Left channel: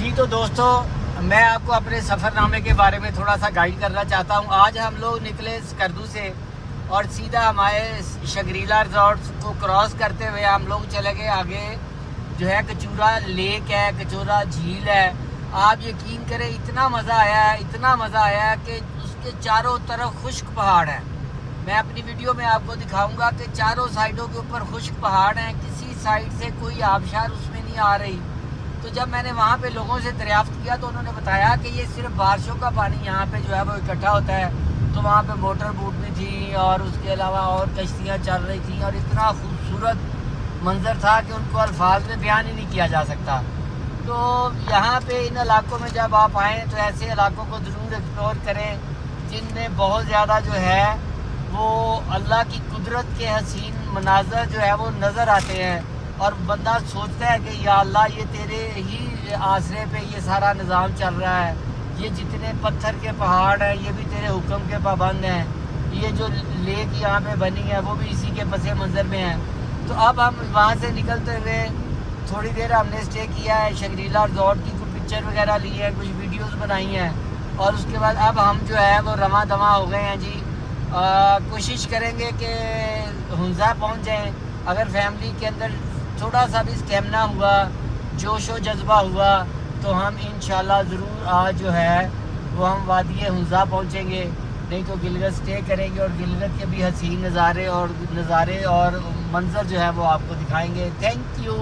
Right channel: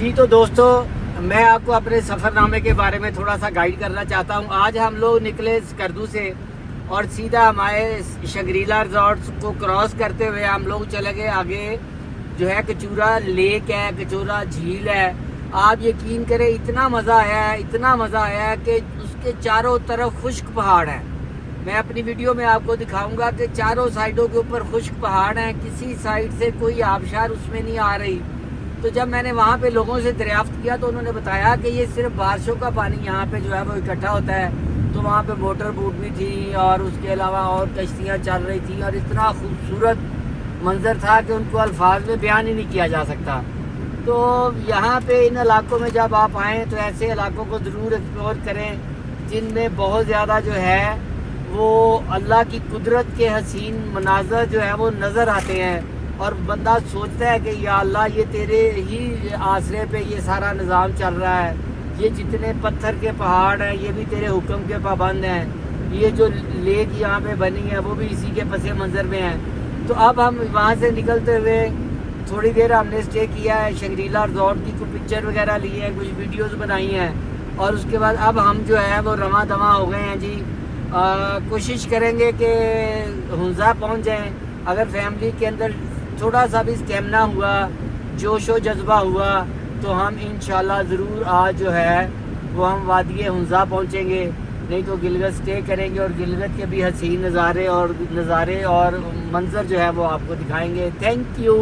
جی تو دوستو، میں آپ کو اپنے سفر نامے کے بارے میں تھوڑا سا گائیڈ کرنا چاہتا ہوں۔ آج ہم لوگ نکلے اسکردو سے اور سیدھا ہمارے شنگریلا ریزورٹس کو کراس کرتے ہوئے ہم لوگ چلے گئے آگے جو ہے کچورا لیک ہے، کچورا جھیل ہے۔ آپ یقین کریں اتنا مزہ آیا ہے کہ اس کے چاروں طرف خشک پہاڑ ہیں۔ میں اپنی ویڈیو میں آپ کو دکھاؤں گا کہ چاروں سائڈوں کے اوپر خشک پہاڑ ہیں، کسی سائڈ سے کوئی آبشار اس میں نہیں آ رہی۔ تو جب میں نے وہاں پہ لوگوں سے دریافت کیا تو انہوں نے بتایا کہ یہ صرف بارشوں کا پانی یہاں پہ جو ہے وہ اکٹھا ہوتا ہے۔ تو وہاں پہ موٹر بوٹ بھی تھی اور اس کے علاوہ اور کشتیاں چل رہی تھیں اور اتنا خوبصورت منظر تھا کہ ان کو الفاظ میں بیان ہی نہیں کیا جا سکتا۔ تو یہاں پہ ان علاقوں میں جب آپ آئیں تو ایسے علاقوں کو ضرور ایکسپلور کریں جن میں بہت زیادہ جو ہے وہ اللہ کی قدرت کے حسین مناظر جو ہے وہ نظر آتے ہیں، اور بندہ سوچتا ہے کہ یا اللہ یہ تیرے ہی آسرے پہ یہ سارا نظام چل رہا ہے، یہ جتنے پتھر کے پہاڑ ہیں یہ بھی تیرے حکم کے پابند ہیں، یہ جو لیک یہاں پہ بنی ہے وہ بھی اسی کے پس منظر میں ہیں۔ تو اب ہم وہاں سے نکلتے ہوئے تھوڑی دیر ہم نے اسٹے کیا ہے شنگریلا ریزورٹ کی، کچھ پکچر وغیرہ لی ہیں، کچھ ویڈیوز بنائی ہیں، اور اس کے بعد اب ہم جو ہے وہ رواں دواں ہو گئے ہیں جی۔ کوشش کریں گے کہ ہنزا پہنچ جائیں۔ اگر فیملی کے اندر تھوڑا سا بھی اسٹیمنا ہوا، جوش و جذبہ ہوا تو ہم انشاءاللہ ضرور آج جو ہے وہ ہم وادی ہنزا پہنچیں گے، نہیں تو گلگت اسٹے کریں گے اور گلگت کے بھی حسین نظارے اور منظر جو ہے وہ آپ کو دکھائیں گے۔ Thank you.